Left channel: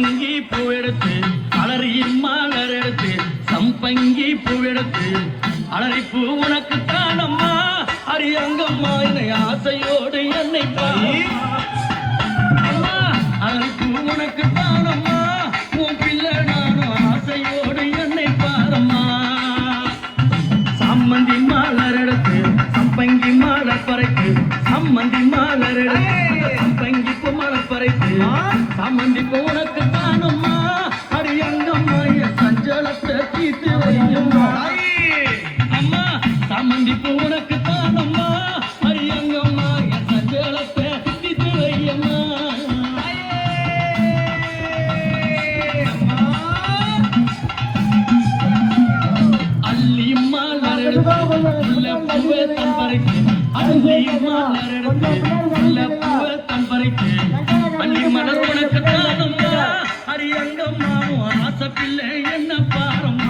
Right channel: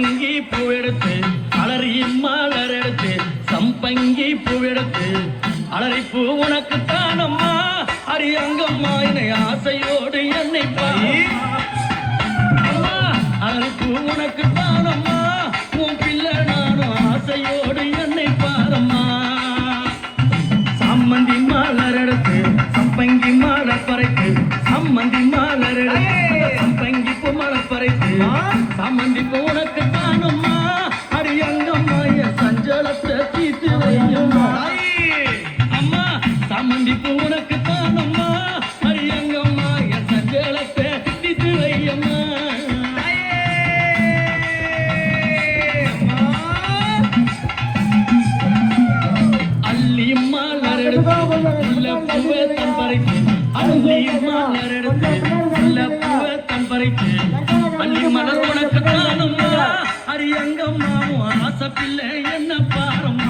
சம்பங்கி பூ எடுத்து அலறி மலர் எடுத்து சம்பங்கி பூ எடுத்து அலறி பூ உனக்கு தானம்மா அரியங்கம்மா என்னை ஆசையோடு என்னை அம்மா அலறி பூ உனக்கு தானம்மா உன் பிள்ளை நானும் ஆசையோடு என்னை பாரம்மா சம்மந்தி மலர் எடுத்து சம்பங்கி மலர் பறைத்து சம்மந்தி மலர் எடுத்து சம்பங்கி பூ மலர் பறைத்து சம்மந்தி பூ உனக்கு தானம்மா அரியங்கம்மா என் சஞ்சலத்தை தீர்த்து வையம்மா அம்மா சம்மந்தி பூ உனக்கு தானம்மா அரியங்கம்மா என் சஞ்சலத்தை தீர்த்து வையம்மா மலர் உனக்கு தானம்மா அரியங்கம்மா ஆசை பிள்ளை என்ன பாரம்மா